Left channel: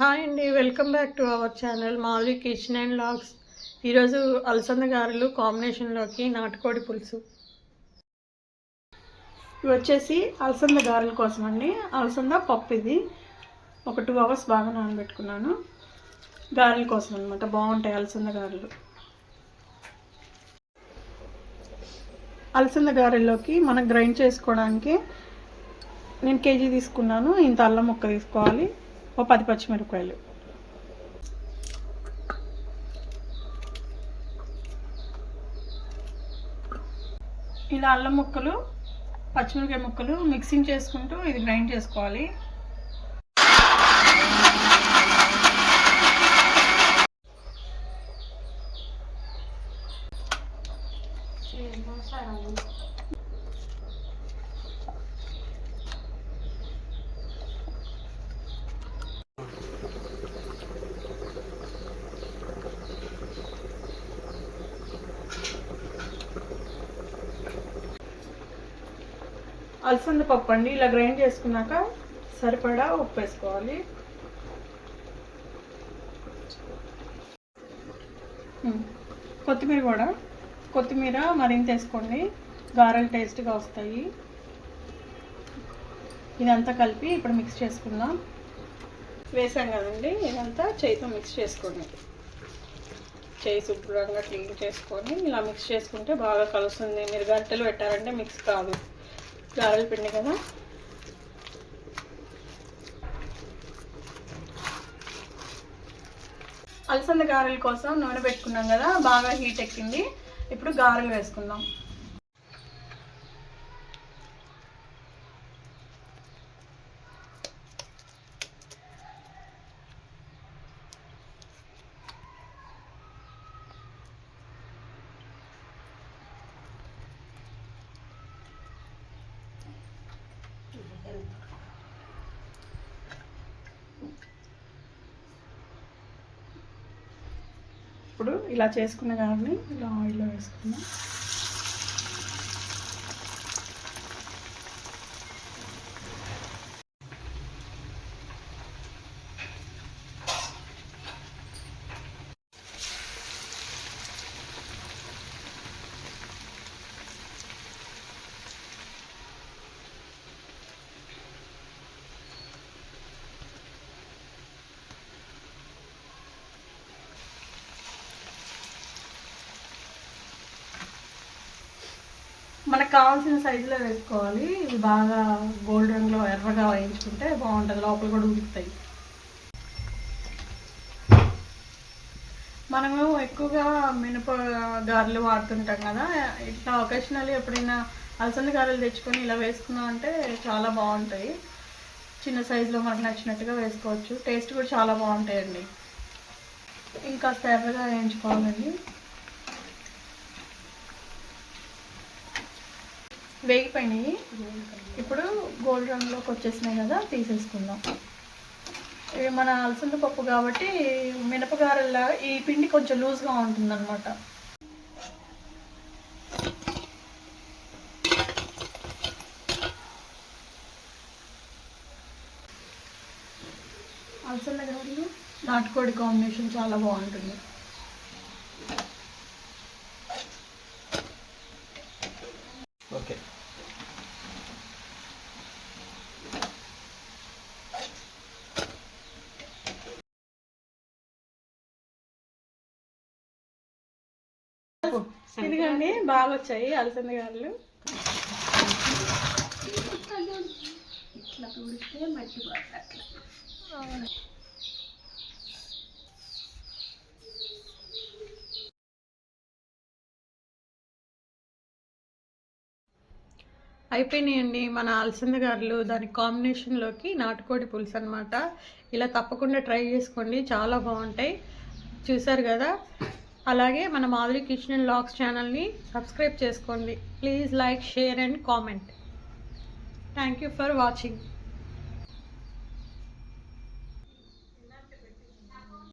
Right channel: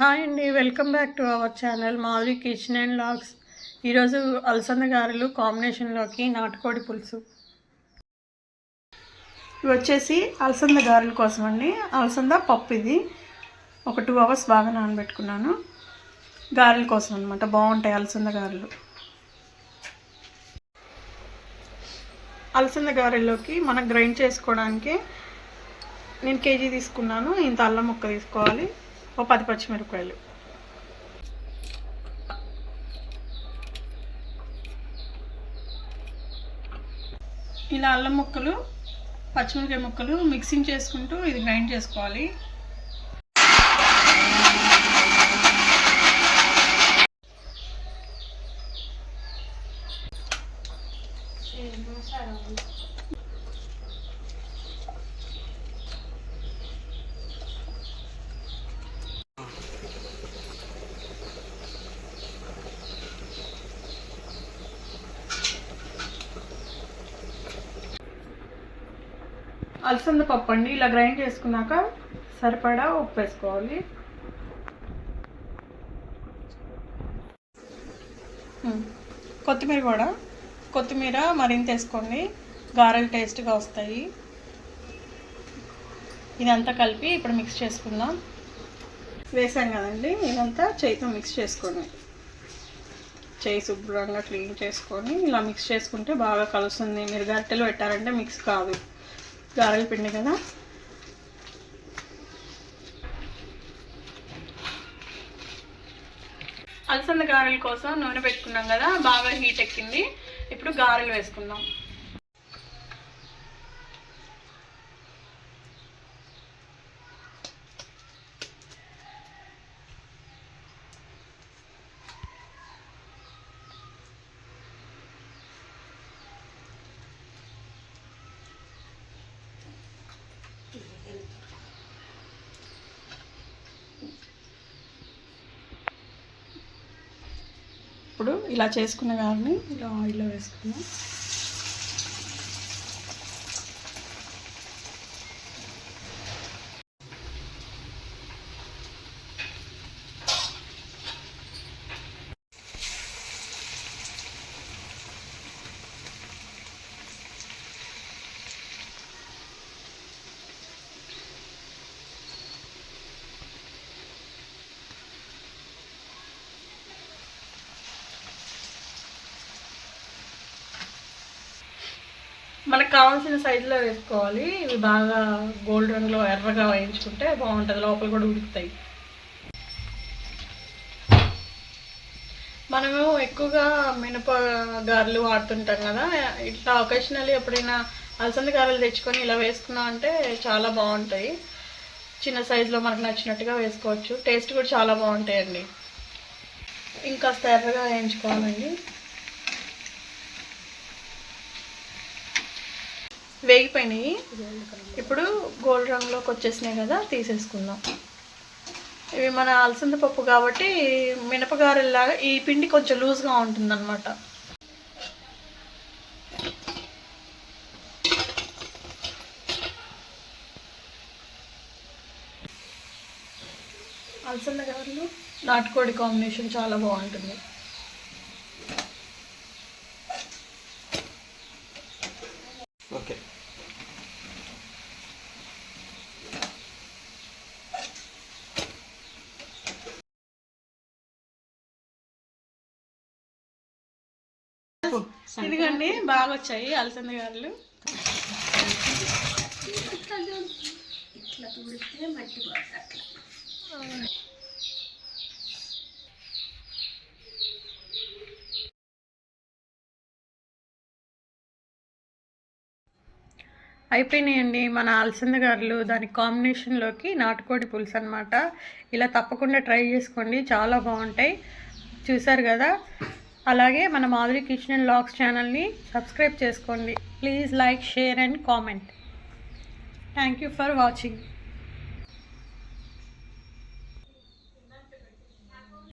Hi అండి welcome back to our channel Madhuri kitchen and logs. ఈరోజు అలసంద గారెలు కాంబినేషన్లోకి నాటుకోడి పులుసు. ఇవి వచ్చేసి అలసంద గారెల కోసం అండి. అలసంద పప్పు ఇది. ఒక టూ అవర్స్ బాగా నానబెట్టుకున్నాను. గారెల కోసం అనమాట బాగుంటాయి అలసంద గారెలు. అలసంద గారెల్లోకి మనం గ్రైండ్ చేసుకోవడానికి నేను కేజీ తీసుకున్నాను. ఇంత అల్లం ముక్క తీసుకోవాలి. ఓ పది పచ్చిమిరపకాయలు. ఇలా అల్లం ముక్కలు పచ్చిమిరపకాయ ముక్కలు మిక్సింగ్ చేసుకుంటూ ఇది గ్రైండ్ చేసుకోవాలి. అలసంద పప్పు అండి. ఇలా గ్రైండ్ చేసుకున్నాక సరిపడా ఉప్పు వేసుకోవాలి. కొత్తిమీర కూడా. కొత్తిమీర మరింత వేసుకోండి. గారెలు టేస్ట్గా వస్తాయి. ఇదంతా కలిపి ఇప్పుడు మిక్స్ చేసుకుందాం. వేసాం కదండి. ఇదంతా చేయితో మిక్స్ చేసుకోండి. చేయి శుభ్రంగా క్లీన్ చేసుకొని ఇలా మిక్స్ చేసుకుంటే బాగా కలుస్తుంది. మీరు గరిటెలు పెట్టారంటే మిక్స్ కాదు. గారెల పిండి కదా. అలసంద గారెల కోసం నూనె పెట్టుకున్నాం కదా బాగా హీట్ ఎక్కింది. ఇప్పుడు గారెలు వేసుకుందాం. ఇప్పుడు ఇలా చేసుకున్న గారిని ఇలా ఆయిల్లో వేసుకున్నాం మనకు కావాల్సిన సైజులో వేసుకోవాలి. ఇవి బాగా గోల్డ్ రంగులో ఎర్రగా వేయించుకుంటే బాగుంటుంది. లోపల కూడా ఉడుకుతాయి. మనము ఎక్కువగా మినప గారెలు వాడుతుంటాం కదా. ఇట్లా ఒకేషనల్లీ ఎప్పుడైనా అలసంద గారెలు తెచ్చుకొని ఇలా వేసుకున్నాం అంటే చాలా బాగుంటాయి. చిన్న సైజులో మనకు నచ్చినట్టుగా వేసుకోవచ్చు. టేస్ట్ కూడా చాలా బాగుంటాయండి. ఇంకా ఎర్రగా వేయించుకోవాలండి. వేగిపోయినాయి. ఇప్పుడు గోల్డ్ రంగులోకి వచ్చేసినాయి కదా తీసేసుకుందాం. ఇవి మన అలసంద పప్పు కాబట్టి మినపగారెల్లాగా ఈ పిండి కొంచెం లూజ్గా ఉంటుందన్నమాట. అలసంద గారెలు? నాటుకోడి కాంబినేషన్ చాలా బాగుంటుంది. ఓకే. ఇదిగోండి బాగా వచ్చాయి అలసంద గారెలు. అయిపోయినాయండి మన అలసంద గారెలు. దాని కాంబినేషన్లోకి నాటుకోడి పులుసు అనమాట ఇలా తప్పకుండా ట్రై చేసుకోండి చాలా బాగుంటాయి. చూసారు కదా? అలాగే మన మాధురి కిచెన్ లాగ్స్ ఛానల్ని సబ్స్క్రైబ్ చేసుకోండి. Please like share and comment. Thank you for watching.